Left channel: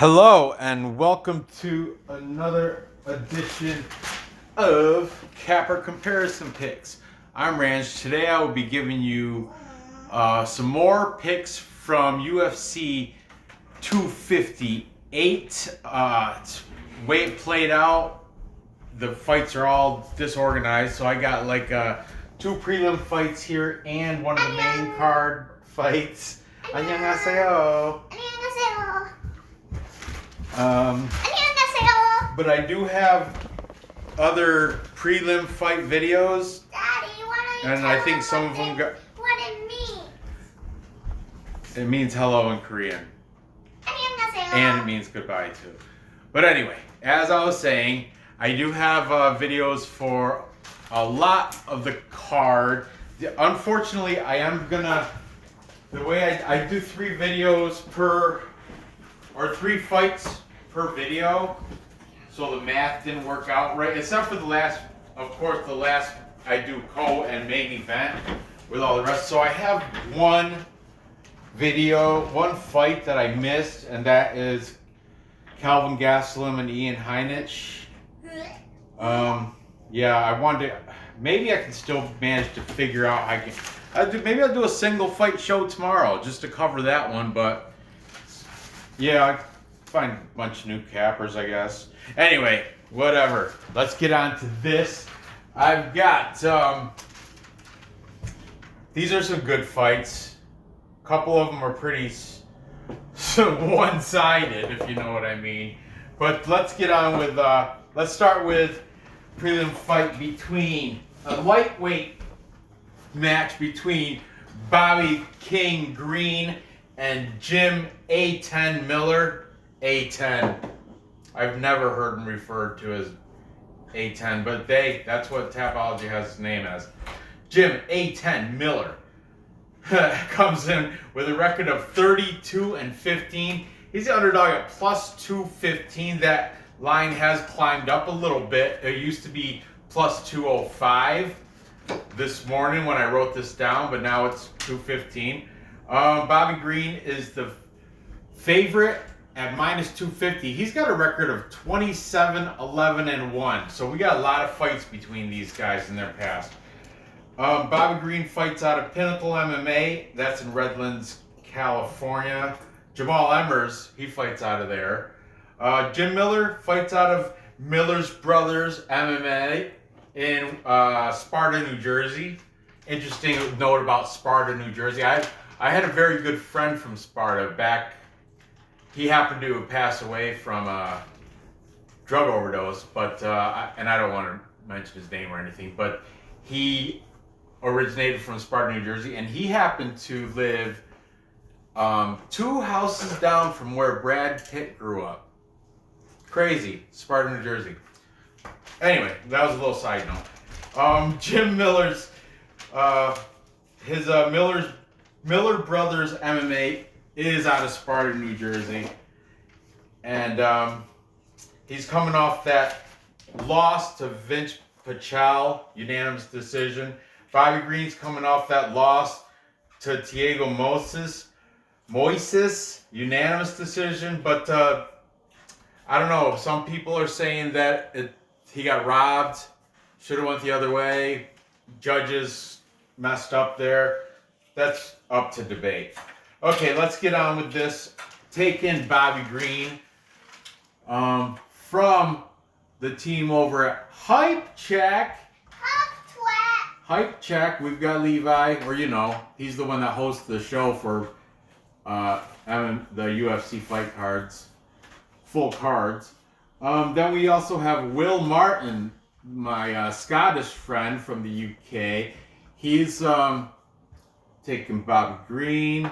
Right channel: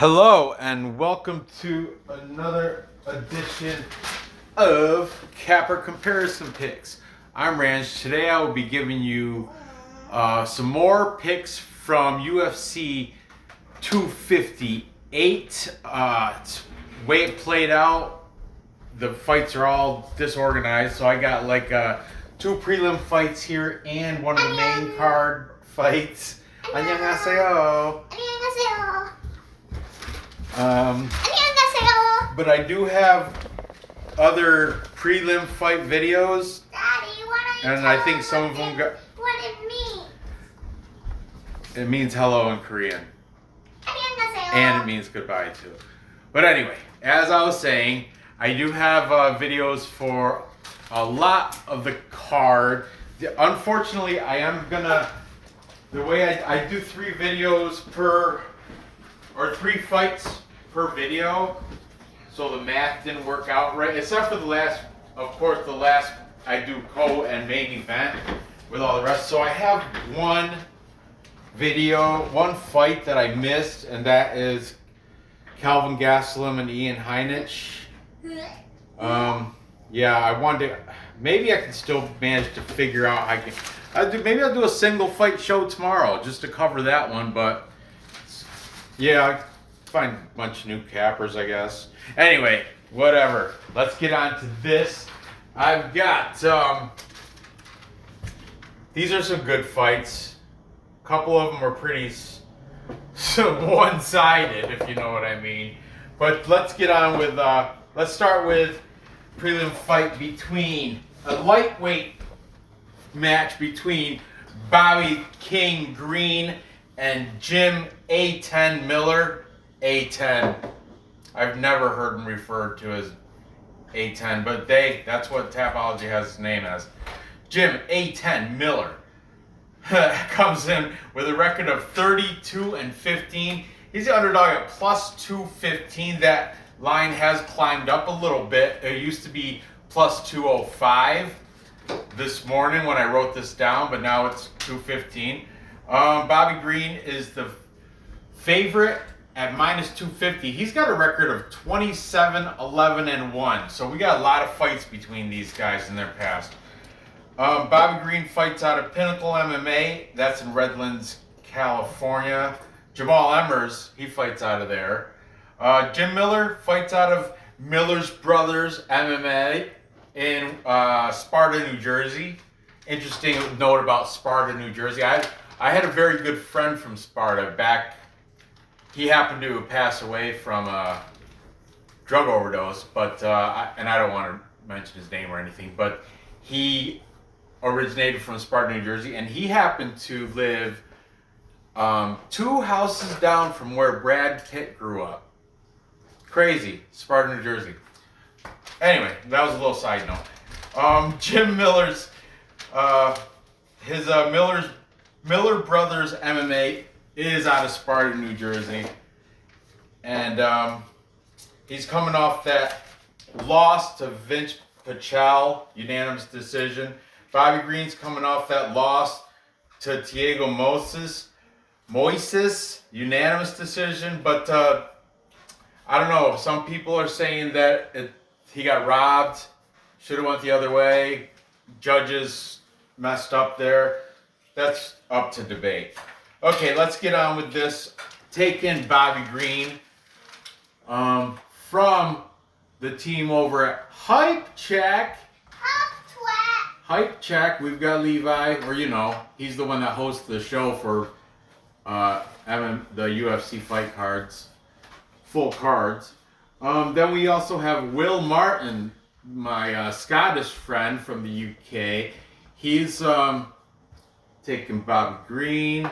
Hello and welcome to another edition of Capper Comparison Picks. I'm Ranch. Today I will be giving you some more picks from UFC 258. It's way it played out. The fights are all disorganized, so I got like two prelim fights here and one of the main card fights. 안녕하세요. But I do have other prelim fight videos, and I think some of them got. What it means? It means hello in Korean, and it means goodbye too. But anyway, as I was saying, I do have videos for a lot of the card. Unfortunately, I am gonna. The way I do 3 videos per. Or 3 fights per video, so the math didn't work out right. Except for the last, of course, the last I do co and main event with all the rest. So I have one fight that I missed, and that is Calvin Gastelum and Ian Heinisch. Yeah, I wanted to. Maybe I can still manage to figure out how I can. Maybe I'll do a single fight show tomorrow just to cover that one, but. Yeah, I find a bunch of new cappers, I guess. Anyway, whatever. Let's get on to this. I've got, these are some good fights. A couple of them are pretty one-sided, if you know what I mean. But let's get on with, let's start with prelim fight between, a lightweight match between Bobby King Green and Jim A10 Miller. A10. I've never heard him referred to as A10, but that's what Tapology has his name as. Jim A10 Miller comes in with a record of 32-15. He's the underdog at plus 215. That line has climbed up a little bit. It used to be plus 205 this morning when I wrote this down, but now it's 215. Bobby Green is the favorite at minus 250. He's got a record of 27-11-1. So we got a lot of fights between these guys in their past. Bobby Green fights out of Pinnacle MMA. That's in Redlands, California. Jamal Emmers, he fights out of there. Jim Miller fights out of Miller's Brothers MMA in Sparta, New Jersey. Interesting note about Sparta, New Jersey. I had a very good friend from Sparta back. He happened to pass away from a drug overdose, but and I don't want to mention his name or anything, but he originated from Sparta, New Jersey, and he happened to live 2 houses down from where Brad Pitt grew up. Crazy, Sparta, New Jersey. Anyway, that was a little side note. Jim Miller's, Miller Brothers MMA is out of Sparta, New Jersey. And he's coming off that loss to Vince Pichel, unanimous decision. Bobby Green's coming off that loss to Thiago Moises, unanimous decision. But I don't know, some people are saying that he got robbed, should have went the other way. Judges messed up there. That's up to debate. Okay, let's get on with this. Take in Bobby Green from the team over at Hype Check. Hype Check. We've got Levi, or he's the one that hosts the show for the UFC fight cards, full cards. Then we also have Will Martin, my Scottish friend from the UK. He's taking Bobby Green.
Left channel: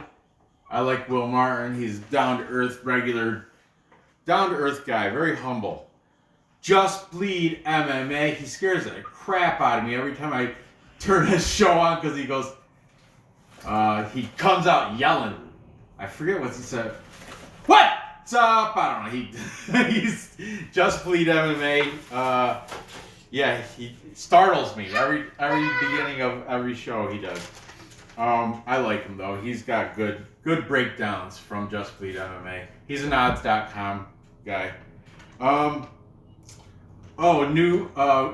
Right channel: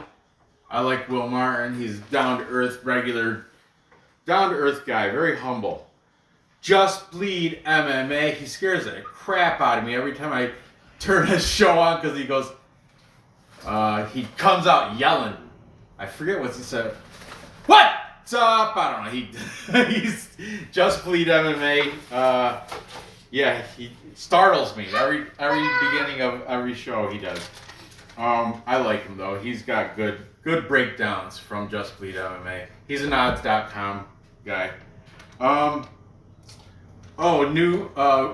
I like Will Martin. He's down-to-earth guy, very humble. Just Bleed MMA. He scares the crap out of me every time I turn his show on because he goes, he comes out yelling. I forget what he said. What's up? I don't know. He's Just Bleed MMA. Yeah, he startles me every beginning of every show he does. I like him though. He's got good breakdowns from Just Bleed MMA. He's an odds.com guy.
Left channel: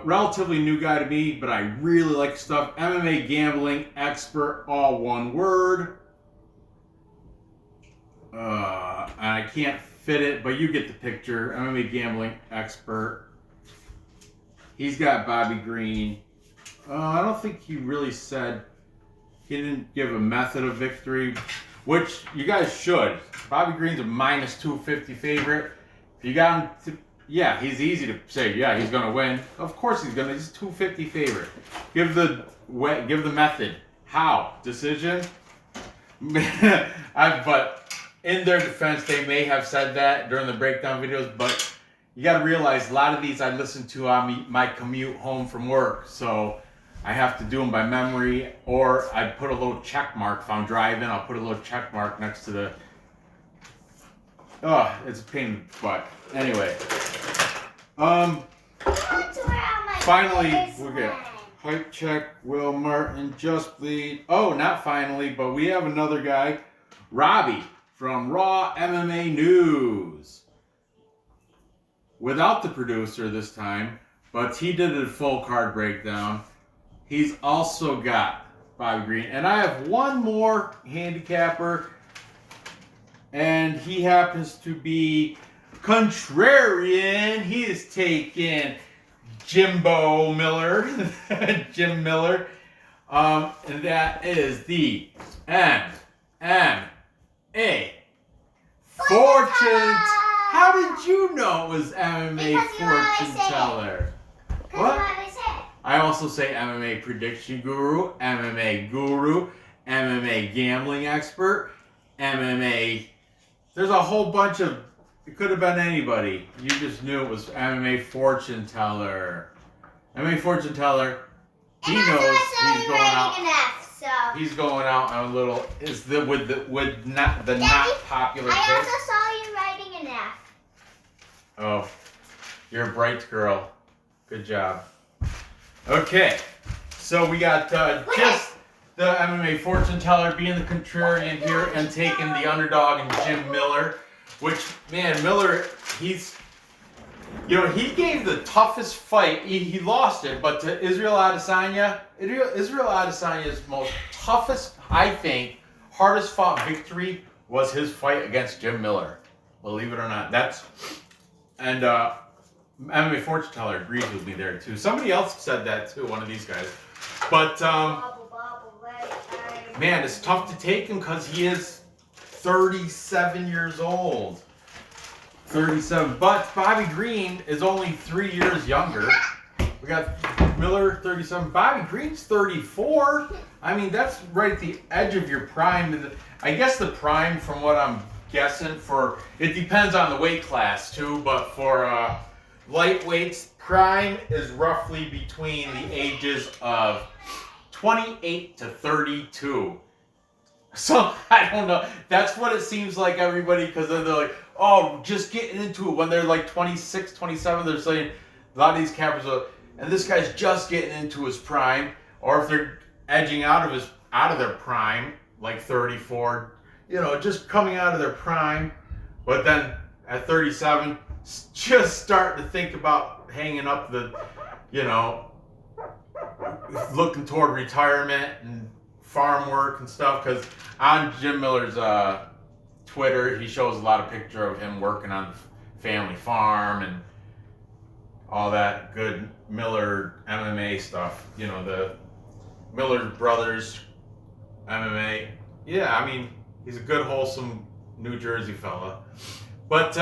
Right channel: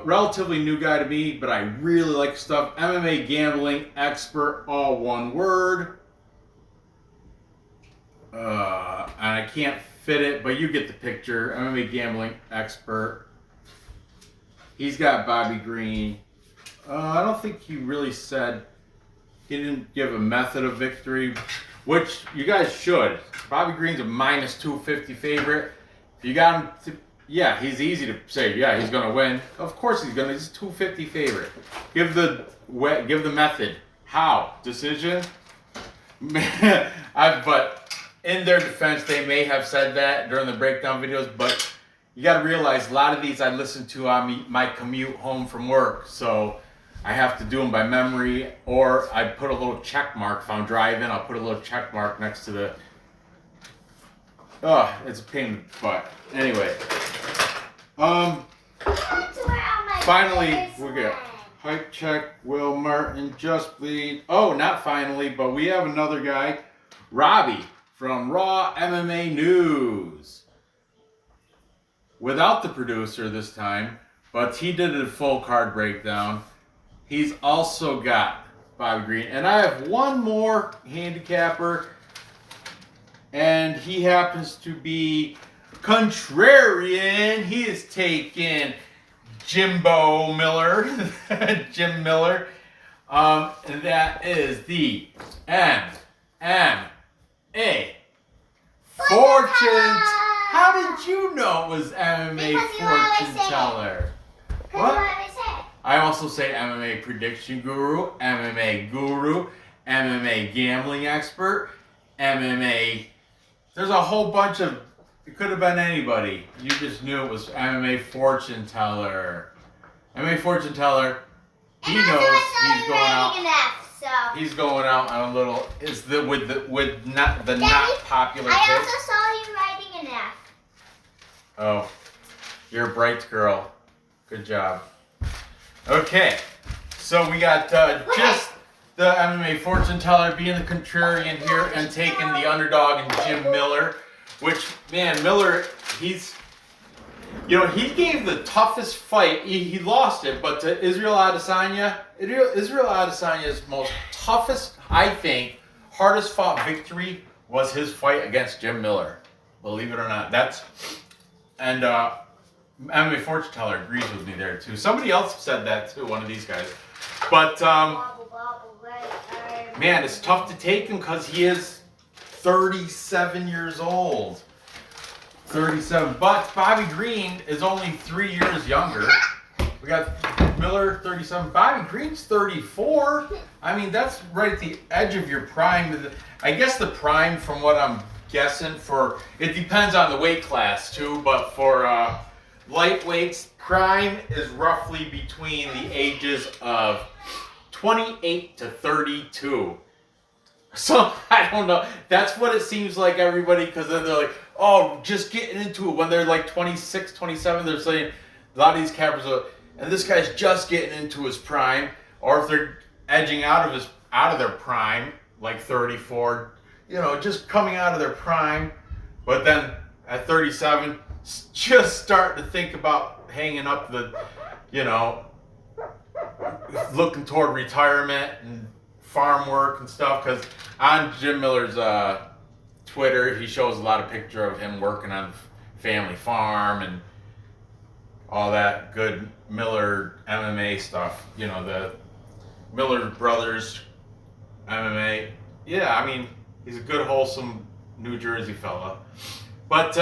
Relatively new guy to me, but I really like stuff. MMA gambling expert, all one word. And I can't fit it, but you get the picture. MMA gambling expert. He's got Bobby Green. I don't think he really said, he didn't give a method of victory, which you guys should. Bobby Green's a minus 250 favorite. If you got him to, yeah, he's easy to say, yeah, he's going to win. Of course he's going to. He's a 250 favorite. Give the method. How? Decision? But in their defense, they may have said that during the breakdown videos, but you got to realize a lot of these I listen to on my commute home from work, so I have to do them by memory, or I put a little check mark. If I'm driving, I'll put a little check mark next to the... Oh, it's a pain in the butt. Anyway. Finally, we get Hype Check, Will Martin, Just Bleed. Oh, not finally, but we have another guy, Robbie, from Raw MMA News. Without the producer this time, but he did a full card breakdown. He's also got Bobby Green. And I have one more handicapper, and he happens to be contrarian. He is taking Jimbo Miller, Jim Miller. And that is the MMA Fortune. How did you know it was MMA Fortune Teller? What? I also say MMA Prediction Guru, MMA Guru, MMA Gambling Expert, MMA. There's a whole bunch of. It could have been anybody. You just knew it was MMA Fortune Teller. MMA Fortune Teller. He knows he's going out. He's going out on a little. Is the with not the Daddy, not popular. I also saw you writing an F. Oh, you're a bright girl. Good job. Okay, so we got just the MMA Fortune Teller being the contrarian here and taking the underdog in Jim Miller, which, man, Miller, he's, he gave the toughest fight. He lost it, but to Israel Adesanya's most toughest, I think, hardest fought victory was his fight against Jim Miller. Believe it or not. MMA Fortune Teller agrees with me there too. Somebody else said that too, one of these guys. But man, it's tough to take him because he is 37 years old. 37. But Bobby Green is only 3 years younger. We got Miller, 37. Bobby Green's 34. I mean, that's right at the edge of your prime. I guess the prime, from what I'm guessing, it depends on the weight class too, but for lightweights, prime is roughly between the ages of 28 to 32. So, I don't know. That's what it seems like, everybody, because then they're like, oh, just getting into it. When they're like 26, 27, they're saying, a lot of these cappers are, and this guy's just getting into his prime, or if they're edging out of their prime, like 34, just coming out of their prime, but then at 37, just starting to think about hanging up looking toward retirement and farm work and stuff. Because on Jim Miller's Twitter, he shows a lot of picture of him working on the family farm and all that good Miller MMA stuff. The Miller brothers MMA. Yeah, I mean, he's a good, wholesome New Jersey fella. But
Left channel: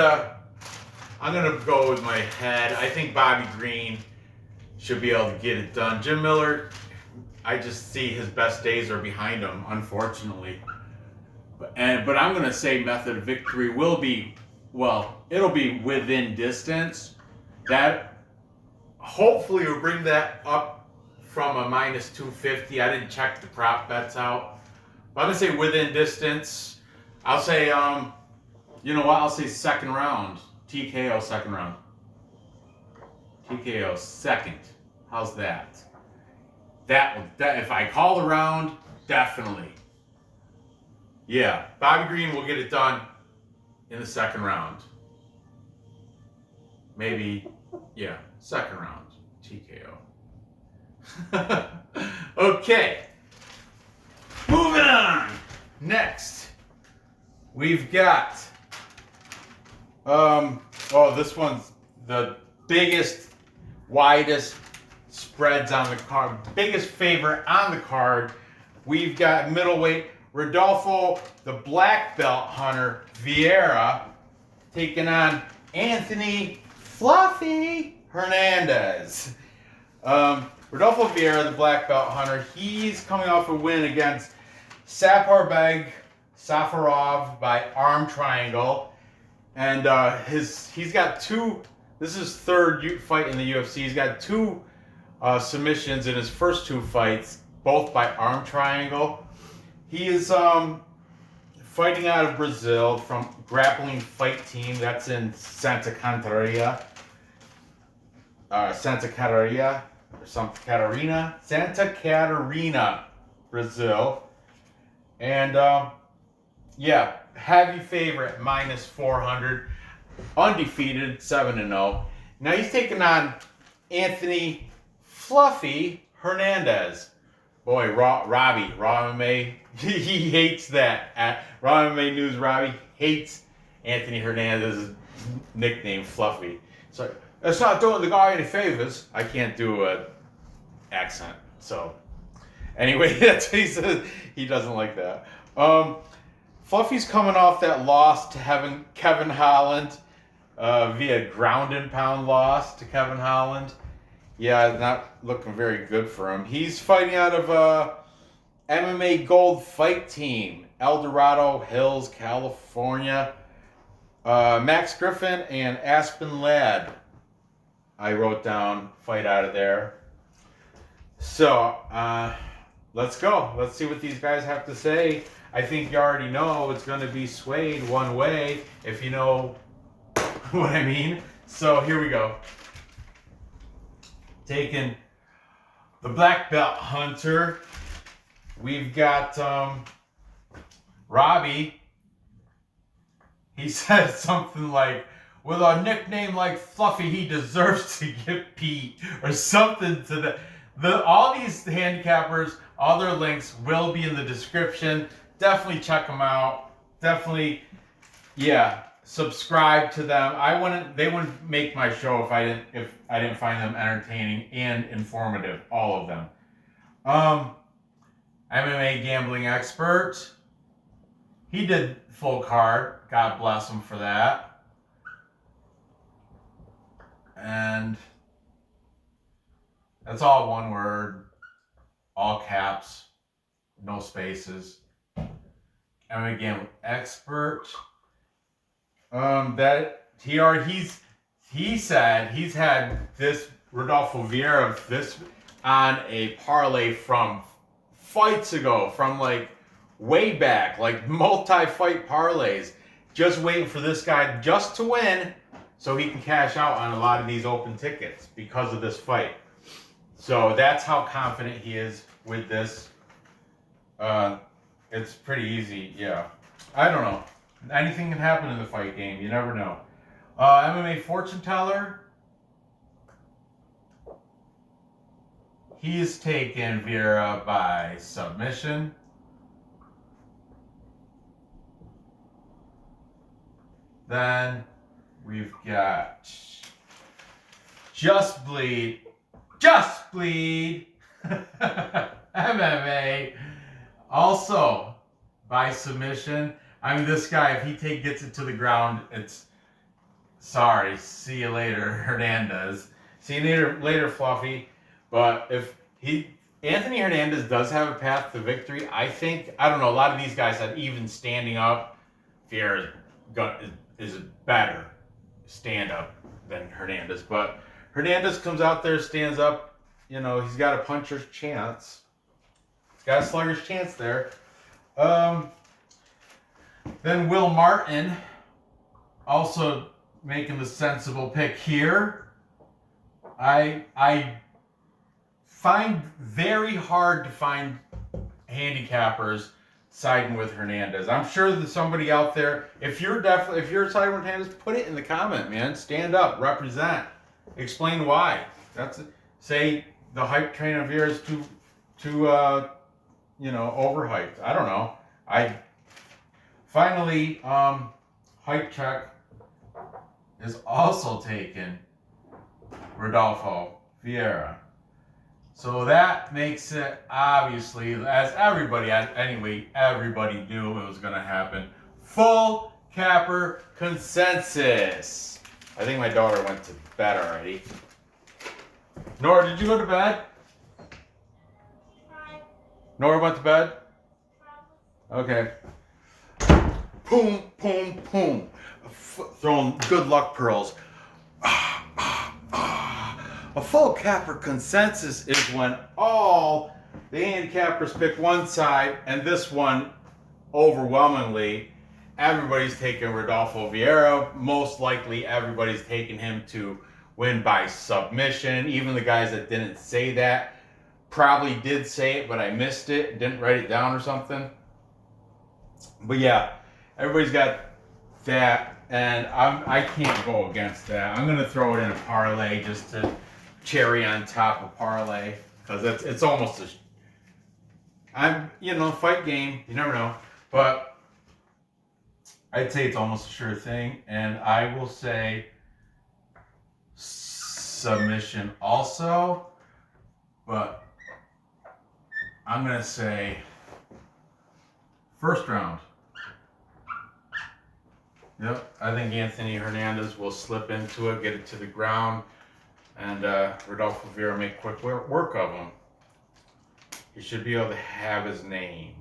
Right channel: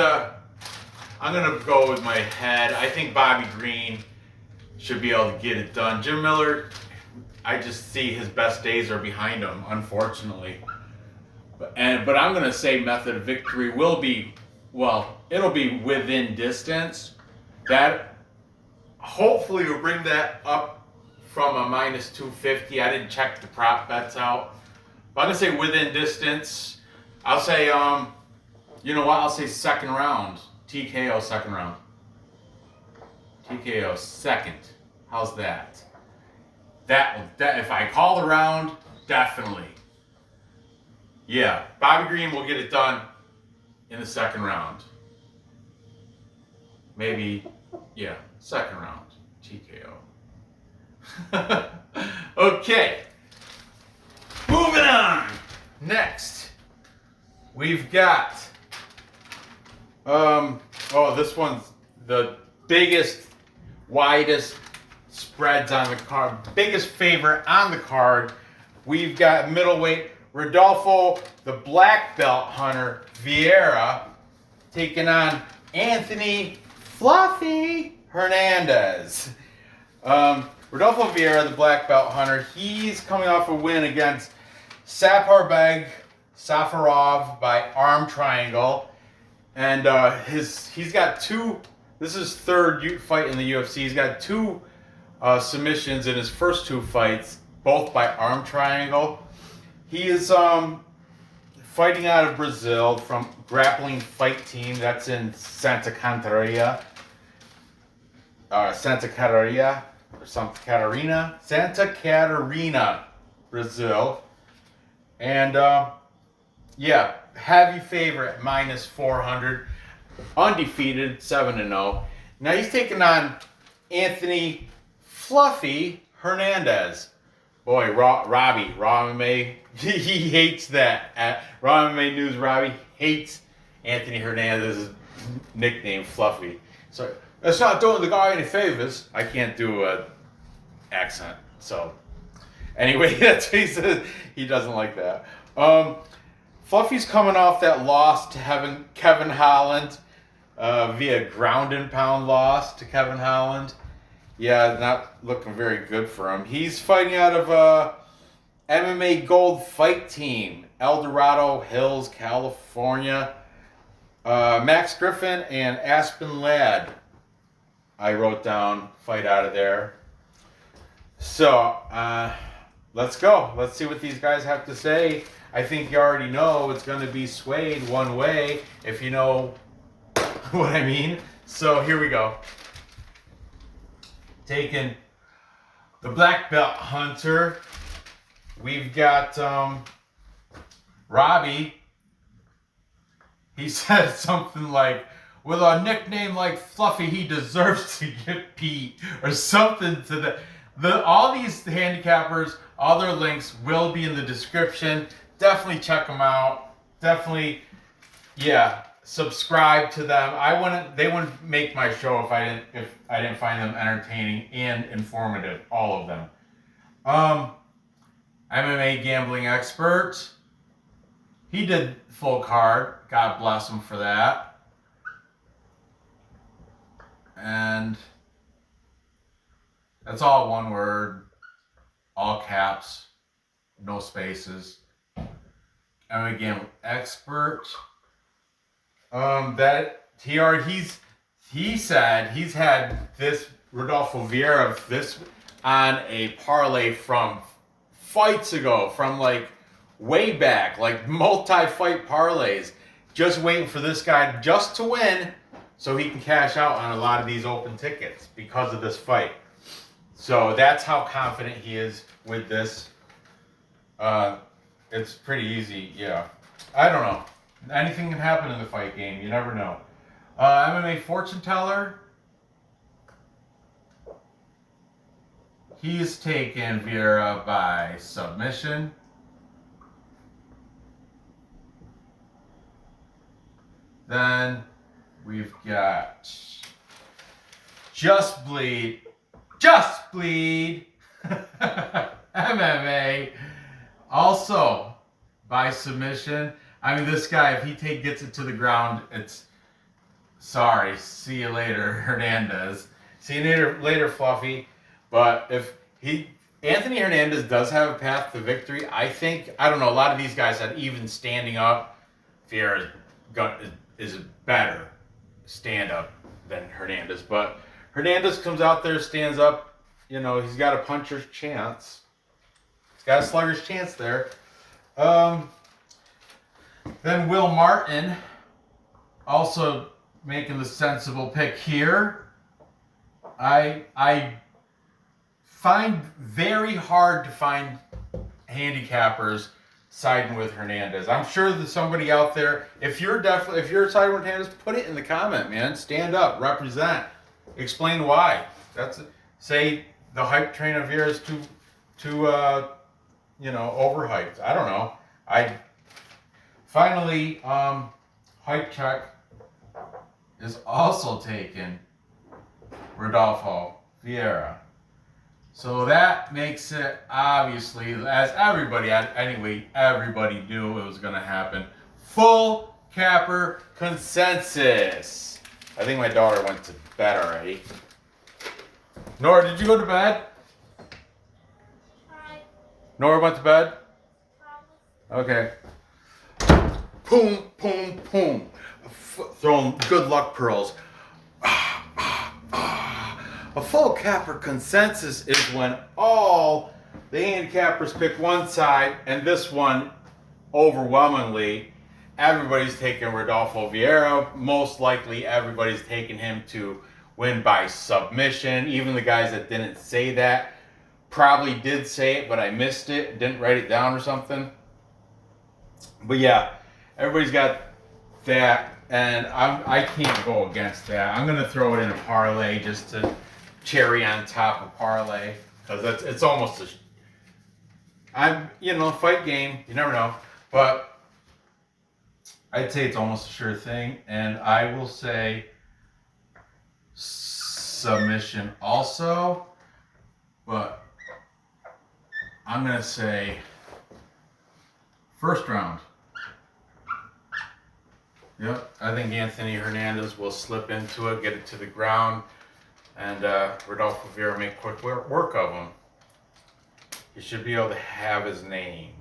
I'm going to go with my head. I think Bobby Green should be able to get it done. Jim Miller, I just see his best days are behind him, unfortunately. But I'm going to say method of victory will be, it'll be within distance. That hopefully will bring that up from a minus 250. I didn't check the prop bets out. But I'm going to say within distance. I'll say, I'll say second round. TKO second round. TKO second. How's that? That if I call the round, definitely. Yeah, Bobby Green will get it done in the second round. Maybe, yeah, second round. TKO. Okay. Moving on. Next, we've got, this one's the biggest, widest spreads on the card, biggest favorite on the card. We've got middleweight Rodolfo, the black belt hunter, Vieira, taking on Anthony Fluffy Hernandez. Rodolfo Vieira, the black belt hunter, he's coming off a win against Saparbeg Safarov by arm triangle. And he's got two, this is his third fight in the UFC. He's got two submissions in his first two fights, both by arm triangle. He is fighting out of Brazil from Grappling Fight Team. That's in Santa Catarina, Brazil. And yeah, heavy favorite, minus 400, undefeated, 7-0. Now he's taking on Anthony Fluffy Hernandez. Boy, Raw MMA, he hates that. Raw MMA News, Robbie hates Anthony Hernandez's nickname, Fluffy. So, that's not doing the guy any favors. I can't do an accent. So, anyway, that's what he says. He doesn't like that. Fluffy's coming off that loss to Kevin Holland via ground and pound loss to Kevin Holland. Yeah, not looking very good for him. He's fighting out of MMA Gold Fight Team, El Dorado Hills, California. Max Griffin and Aspen Ladd, I wrote down, fight out of there. So, let's go. Let's see what these guys have to say. I think you already know it's going to be swayed one way, if you know what I mean. So, here we go. Taking the black belt hunter, we've got Robbie. He said something like, with a nickname like Fluffy, he deserves to get beat, or something to all these handicappers, all their links will be in the description. Definitely check them out. Definitely, yeah, subscribe to them. They wouldn't make my show if I didn't find them entertaining and informative, all of them. MMA gambling expert. He did full card. God bless him for that. And that's all one word, all caps, no spaces. MMA gambling expert. He said he's had this Rodolfo Vieira this on a parlay from fights ago, from like way back, like multi-fight parlays, just waiting for this guy just to win so he can cash out on a lot of these open tickets because of this fight. So that's how confident he is with this. It's pretty easy, yeah. I don't know. Anything can happen in the fight game. You never know. MMA fortune teller. He's taken Vieira by submission. Then we've got Just Bleed MMA, also by submission. I mean, this guy, if he gets it to the ground, it's sorry. See you later, Hernandez. See you later, Fluffy. But if Anthony Hernandez does have a path to victory, I don't know, a lot of these guys that even standing up, Vieira is better stand up than Hernandez. But Hernandez comes out there, stands up, he's got a puncher's chance. He's got a slugger's chance there. Then Will Martin, also making the sensible pick here. I find very hard to find handicappers siding with Hernandez. I'm sure there's somebody out there. If you're siding with Hernandez, put it in the comment, man. Stand up, represent, explain why. Say the hype train of Vieira is too overhyped. I don't know. Finally, hype check is also taken Rodolfo Vieira. So that makes it, obviously, as everybody knew it was going to happen, full capper consensus. I think my daughter went to bed already. Nora, did you go to bed? Nora went to bed? Okay. Boom, boom, boom. Throwing good luck pearls. A full capper consensus is when all the handicappers pick one side, and this one, overwhelmingly, everybody's taking Rodolfo Vieira. Most likely, everybody's taking him to win by submission. Even the guys that didn't say that probably did say it, but I missed it, didn't write it down or something. But yeah, everybody's got that, and I can't go against that. I'm gonna throw it in a parlay just to cherry on top of parlay, because it's almost a fight game. You never know, but I'd say it's almost a sure thing, and I will say submission also, but I'm gonna say first round. Yep, I think Anthony Hernandez will slip into it, get it to the ground, and Rodolfo Vieira make quick work of him. He should be able to have his name,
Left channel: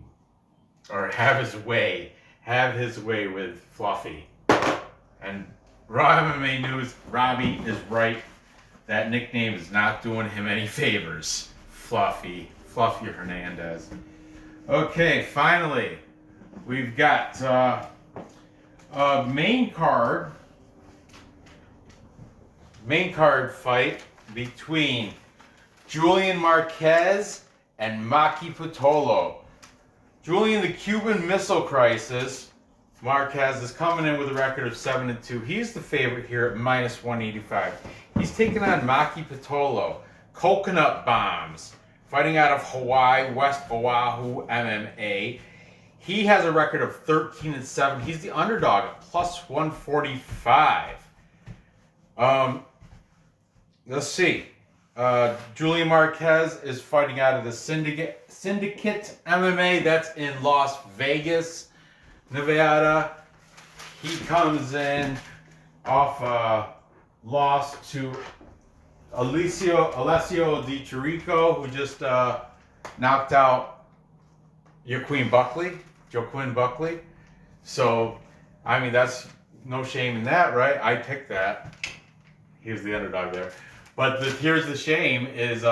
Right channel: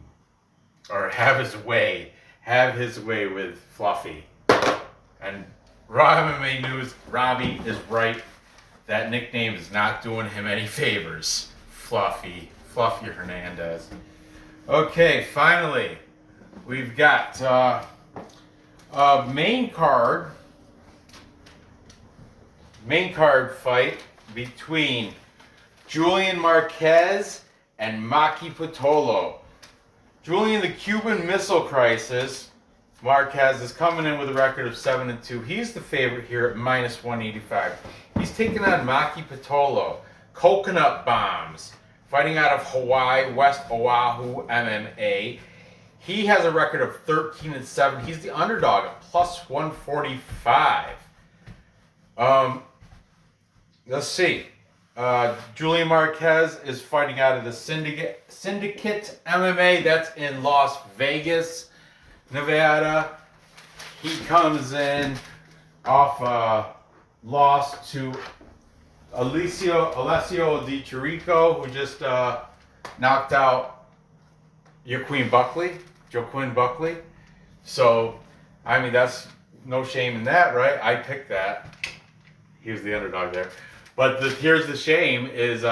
or have his way with Fluffy. And Raw MMA News, Robbie is right. That nickname is not doing him any favors. Fluffy Hernandez. Okay, finally, we've got a main card fight between Julian Marquez and Maki Pitolo. Julian, the Cuban Missile Crisis. Marquez is coming in with a record of 7-2. He's the favorite here at -185. He's taking on Maki Pitolo, Coconut Bombs, fighting out of Hawaii, West Oahu MMA. He has a record of 13-7. He's the underdog at +145. Let's see. Julian Marquez is fighting out of the Syndicate MMA. That's in Las Vegas, Nevada. He comes in off a loss to Alessio Di Chirico, who just knocked out Joaquin Buckley. So, I mean, that's no shame in that, right? I picked that. He was the underdog there. But here's the shame is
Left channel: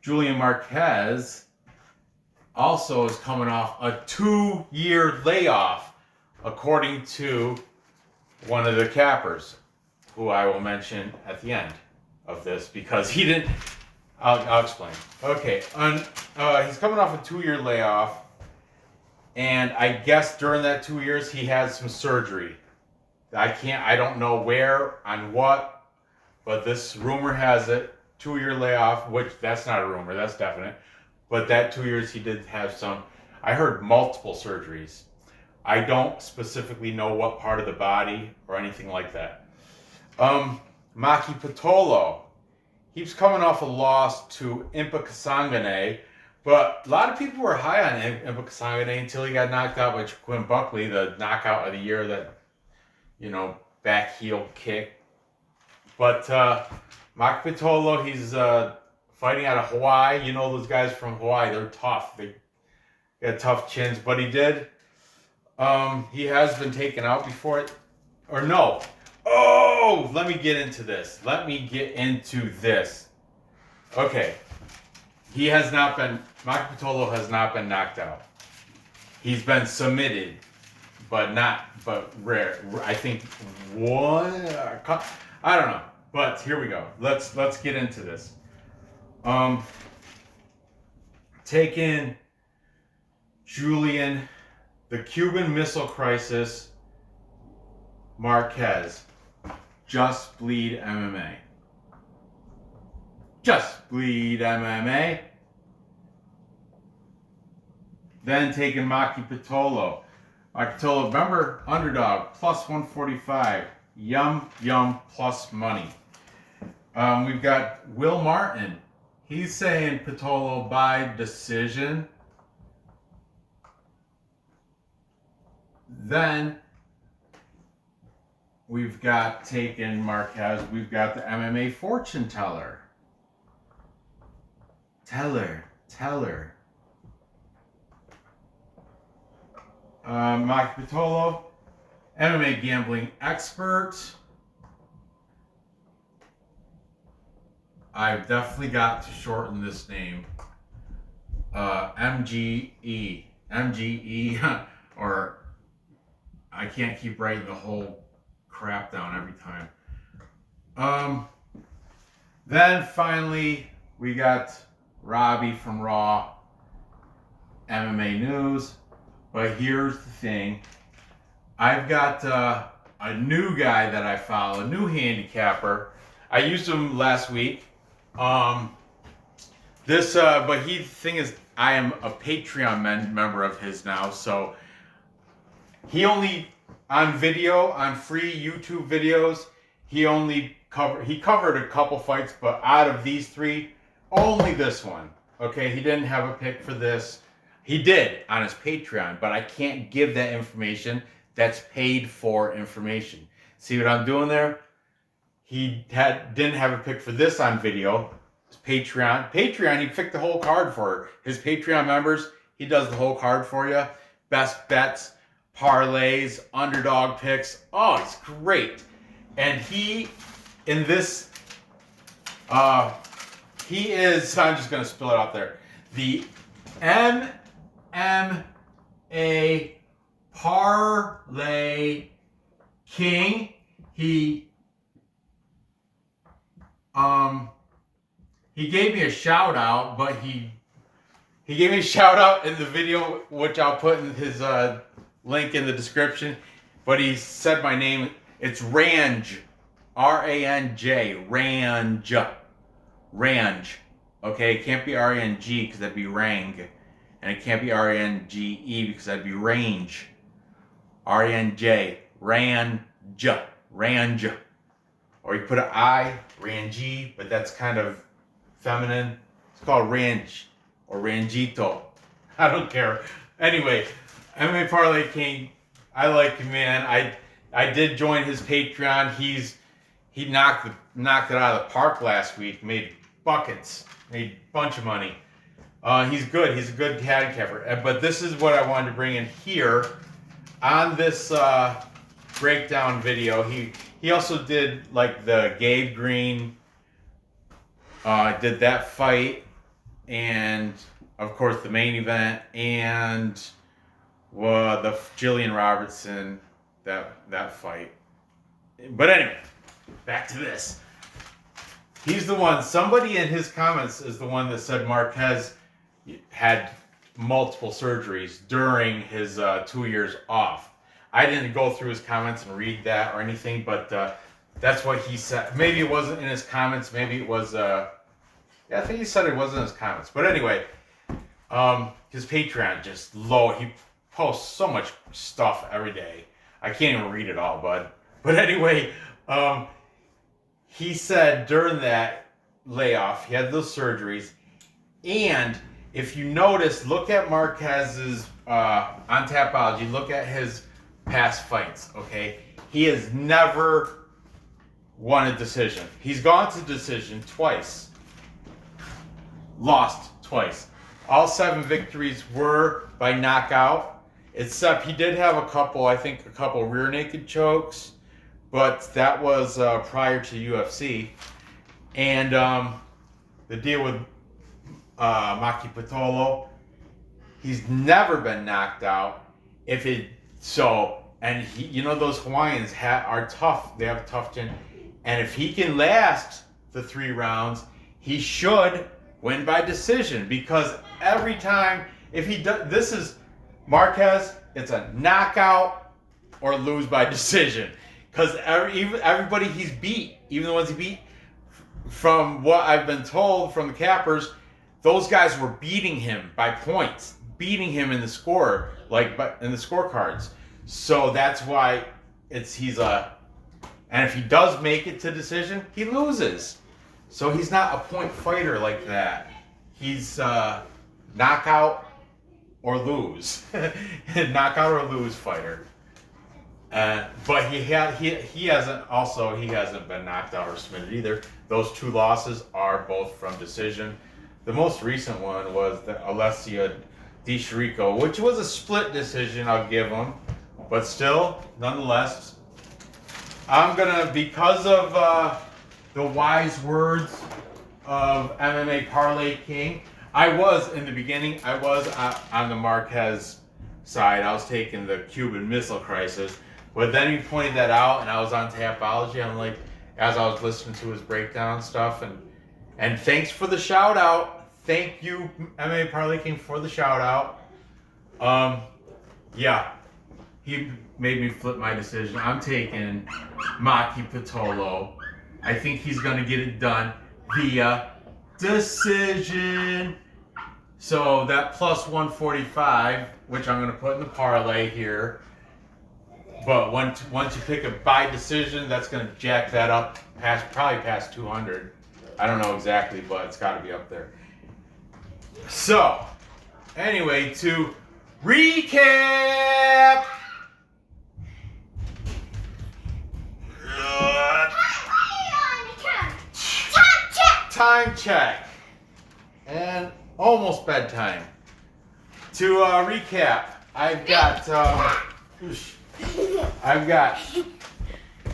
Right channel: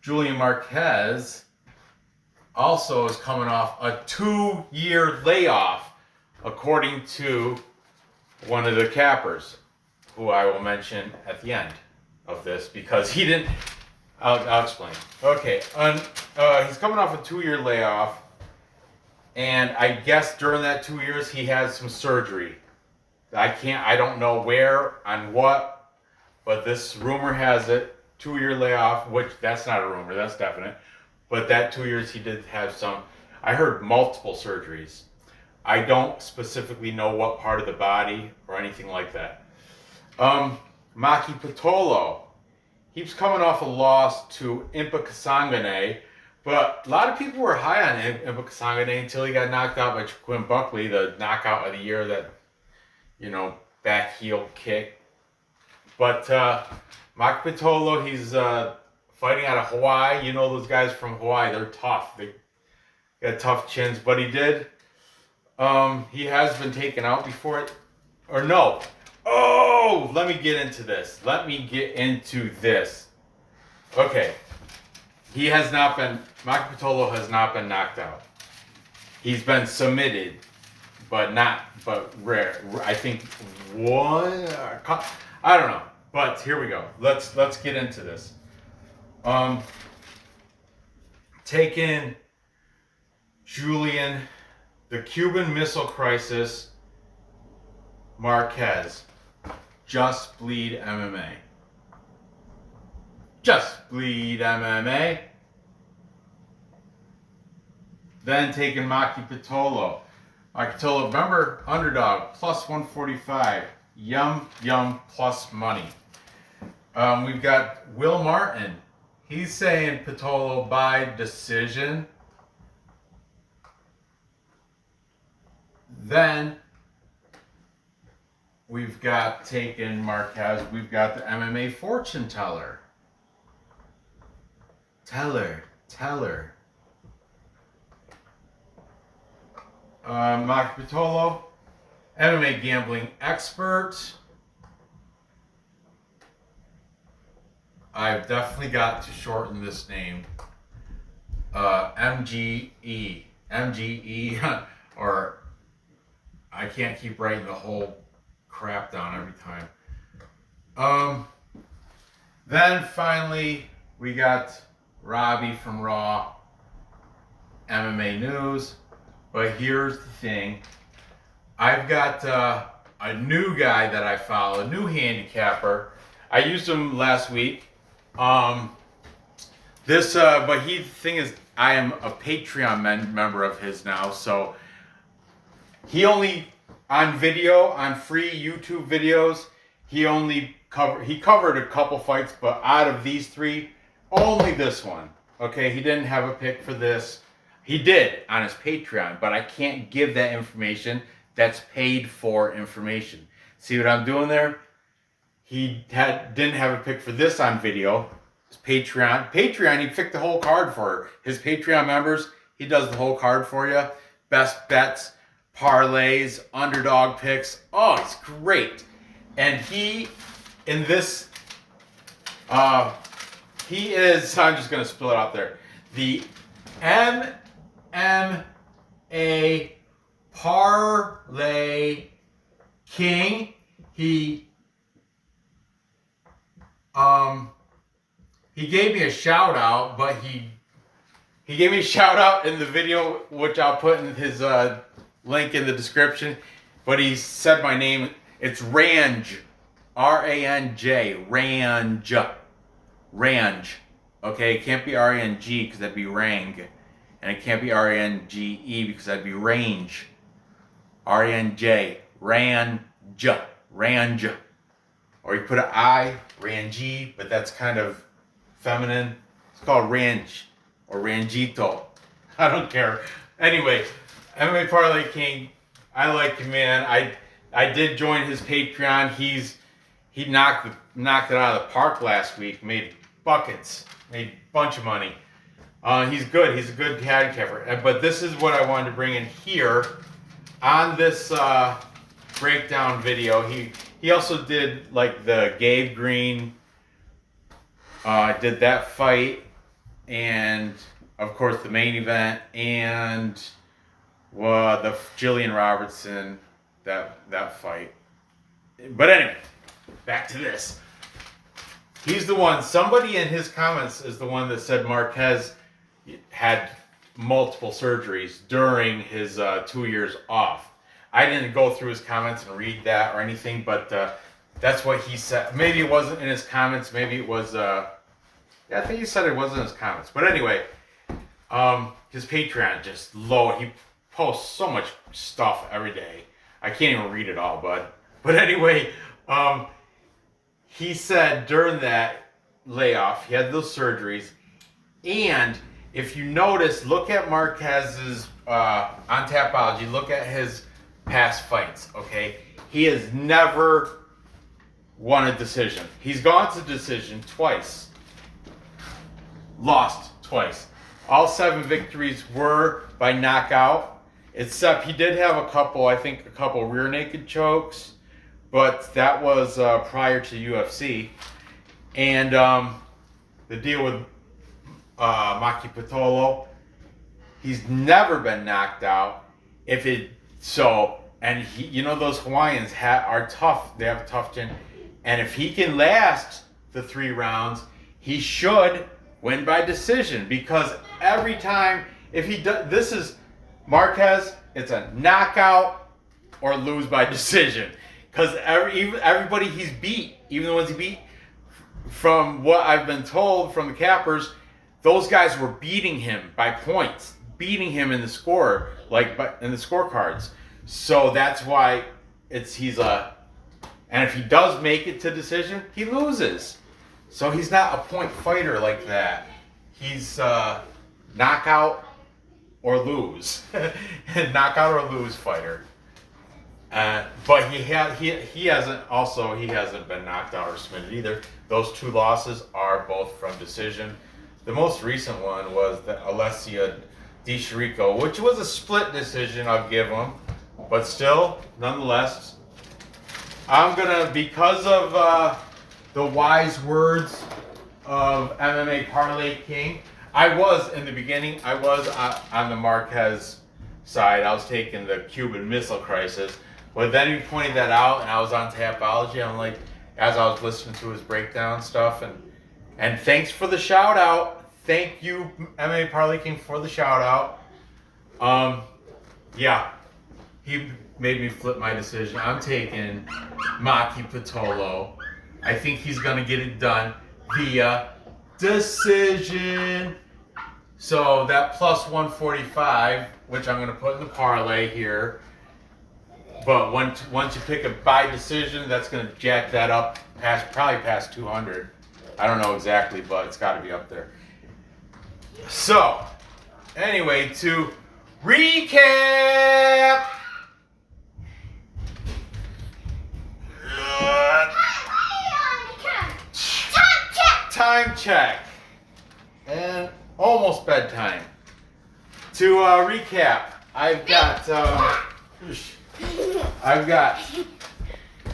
Julian Marquez also is coming off a 2-year layoff, according to one of the cappers, who I will mention at the end of this, because he didn't. I'll explain. Okay, he's coming off a 2-year layoff, and I guess during that 2 years he had some surgery. I don't know where, on what, but this rumor has it, 2-year layoff, which that's not a rumor, that's definite. But that 2 years he did have some, I heard multiple surgeries. I don't specifically know what part of the body or anything like that. Maki Pitolo, he's coming off a loss to Impa Kasangane, but a lot of people were high on Impa Kasangane until he got knocked out by Joaquin Buckley, the knockout of the year, that, back heel kick. But Maki Pitolo, he's fighting out of Hawaii. You know those guys from Hawaii, they're tough. They got tough chins, but he did. He has been taken out before, or no. Oh, let me get into this. Okay. Maki Pitolo has not been knocked out. He's been submitted, but rare. I think one, I don't know. But here we go. Let's get into this. 10 taking Julian, the Cuban Missile Crisis, Marquez. Just Bleed MMA. Just Bleed MMA. Then taking Maki Pitolo. Maki Pitolo, remember, underdog, plus 145. Yum, yum, plus money. We've got Will Martin. He's saying Pitolo by decision. Then we've got taken Marquez. We've got the MMA fortune teller. Teller. Maki Pitolo, MMA gambling expert. I've definitely got to shorten this name. MGE, or I can't keep writing the whole crap down every time. Then finally we got Robbie from Raw, MMA News. But here's the thing. I've got a new guy that I follow, a new handicapper. I used him last week. But the thing is, I am a Patreon member of his now, so he only on video, on free YouTube videos, he covered a couple fights, but out of these three, only this one. Okay, he didn't have a pick for this. He did on his Patreon, but I can't give that information. That's paid for information. See what I'm doing there? He didn't have a pick for this on video. His Patreon, he picked the whole card for his Patreon members. He does the whole card for you. Best bets, parlays, underdog picks. Oh, it's great. And he is, I'm just going to spill it out there. The MMA Parlay King. He gave me a shout out, but he gave me a shout out in the video, which I'll put in his link in the description. But he said my name. It's Ranj, R-A-N-J, Ranj. Okay, it can't be R-A-N-G because that'd be Rang. And it can't be R-A-N-G-E because that'd be range. R-A-N-J, Ranj. Or you put an I, Ranji, but that's kind of feminine. It's called Ranj or Ranjito. I don't care. Anyway, MMA Parlay King, I like him, man. I did join his Patreon. He knocked it out of the park last week. Made buckets. Made a bunch of money. He's good. He's a good handicapper. But this is what I wanted to bring in here on this breakdown video. He also did like the Gabe Green. Did that fight, and of course the main event, and the Julian Robertson that fight. But anyway, back to this. He's the one. Somebody in his comments is the one that said Marquez had multiple surgeries during his 2 years off. I didn't go through his comments and read that or anything, but that's what he said. Maybe it wasn't in his comments. Maybe it was. I think he said it wasn't in his comments. But anyway, his Patreon just low. He posts so much stuff every day. I can't even read it all, bud. But anyway, he said during that layoff, he had those surgeries, and if you notice, look at Marquez's on Tapology. Look at his past fights. Okay, he has never won a decision. He's gone to decision twice, lost twice. All 7 victories were by knockout, except he did have a couple rear naked chokes, but that was prior to UFC. And the deal with Maki Pitolo, he's never been knocked out. And those Hawaiians are tough. They have a tough chin, and if he can last the 3 rounds, he should win by decision, because every time if he does, this is Marquez, it's a knockout or lose by decision. Because everybody he's beat, even the ones he beat, from what I've been told from the cappers, those guys were beating him by points, beating him in the score, in the scorecards. So that's why he's a, and if he does make it to decision, he loses. So he's not a point fighter like that. He's knockout or lose, knockout or lose fighter. But he hasn't been knocked out or submitted either. Those 2 losses are both from decision. The most recent one was the Alessia Di Chirico, which was a split decision, I'll give him. But still, nonetheless, I'm gonna, because of the wise words of MMA Parlay King, in the beginning, I was on the Marquez side. I was taking the Cuban Missile Crisis. But then he pointed that out, and I was on Tapology. I'm like, as I was listening to his breakdown stuff, and thanks for the shout out. Thank you, MMA Parlay King, for the shout out. Yeah, he made me flip my decision. I'm taking Maki Pitolo. I think he's gonna get it done via decision. So that plus 145, which I'm gonna put in the parlay here. But once you pick a by decision, that's going to jack that up probably past 200. I don't know exactly, but it's got to be up there. So, anyway, to recap. Time check. And almost bedtime. To recap, I've got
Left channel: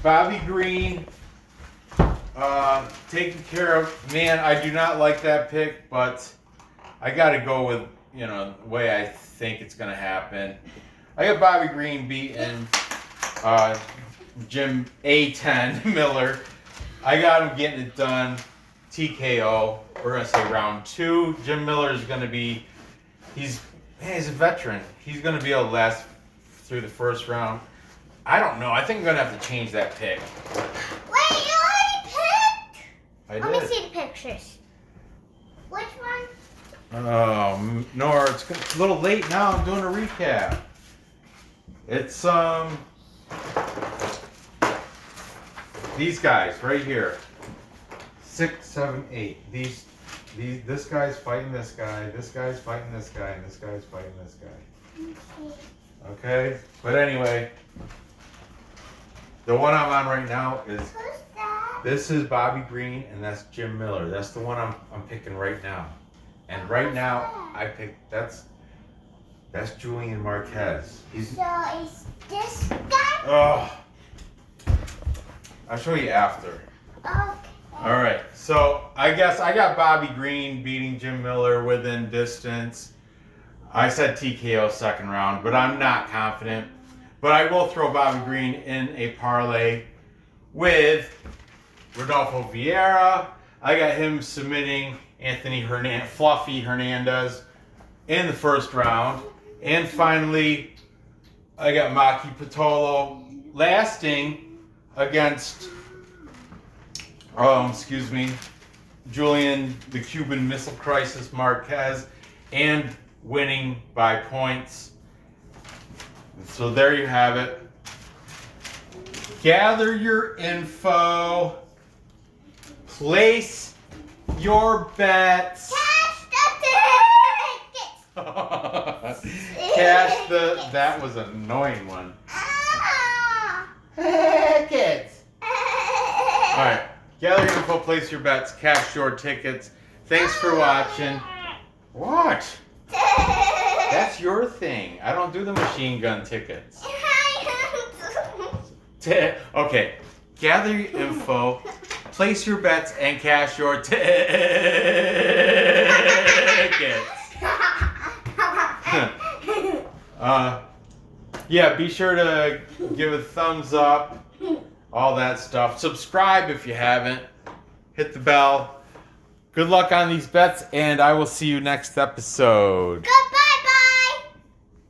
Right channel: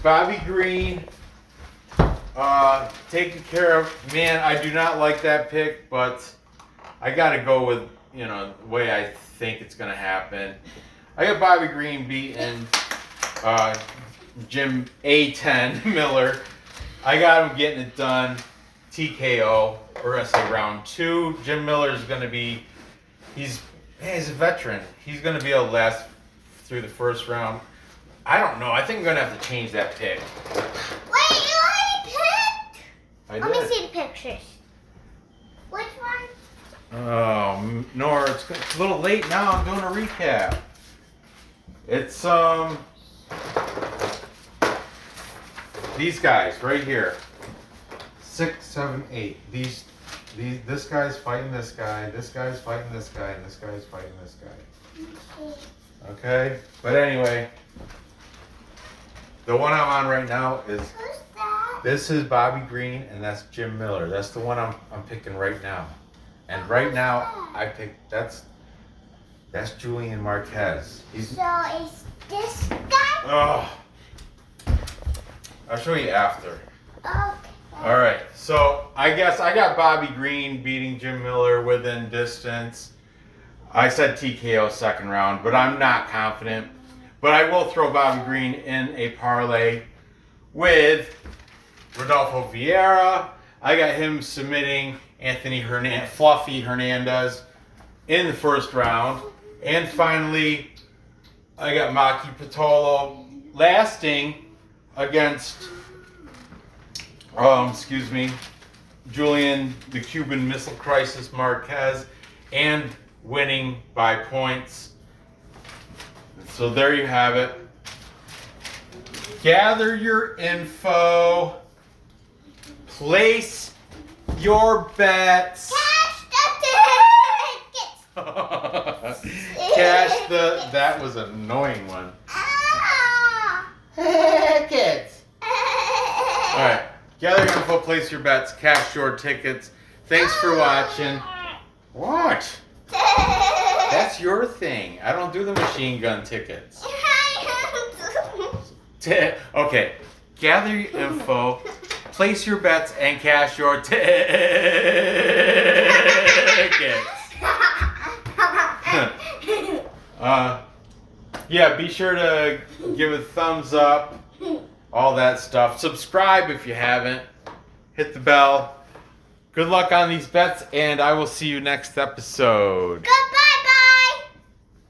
Bobby Green taken care of. Man, I do not like that pick, but I got to go with, the way I think it's going to happen. I got Bobby Green beating Jim A10 Miller. I got him getting it done. TKO. We're going to say round 2. Jim Miller is going to be, he's a veteran. He's going to be able to last through the first round. I don't know. I think I'm going to have to change that pick. Wait, you already picked? I did. Let me see the pictures. Which one? Oh, no, it's a little late now. I'm doing a recap. It's, these guys right here. 6, 7, 8. This guy's fighting this guy, this guy's fighting this guy, and this guy's fighting this guy. Okay? But anyway, the one I'm on right now is, Who's that? this is Bobby Green, and that's Jim Miller. That's the one I'm picking right now. And right now, I picked, that's Julian Marquez. So is this guy? Oh, I'll show you after. Okay. All right, so I guess I got Bobby Green beating Jim Miller within distance. I said TKO second round, but I'm not confident. But I will throw Bobby Green in a parlay with Rodolfo Vieira. I got him submitting Fluffy Hernandez in the first round. And finally, I got Maki Pitolo lasting against Julian, the Cuban Missile Crisis Marquez, and winning by points. So there you have it. Gather your info. Place your bets. Cash the. That was an annoying one. Kids. All right. Gather your info, place your bets, cash your tickets. Thanks for watching. What? That's your thing. I don't do the machine gun tickets. Okay. Gather your info, place your bets, and cash your tickets. Yeah, be sure to give a thumbs up. All that stuff. Subscribe if you haven't. Hit the bell. Good luck on these bets, and I will see you next episode. Goodbye.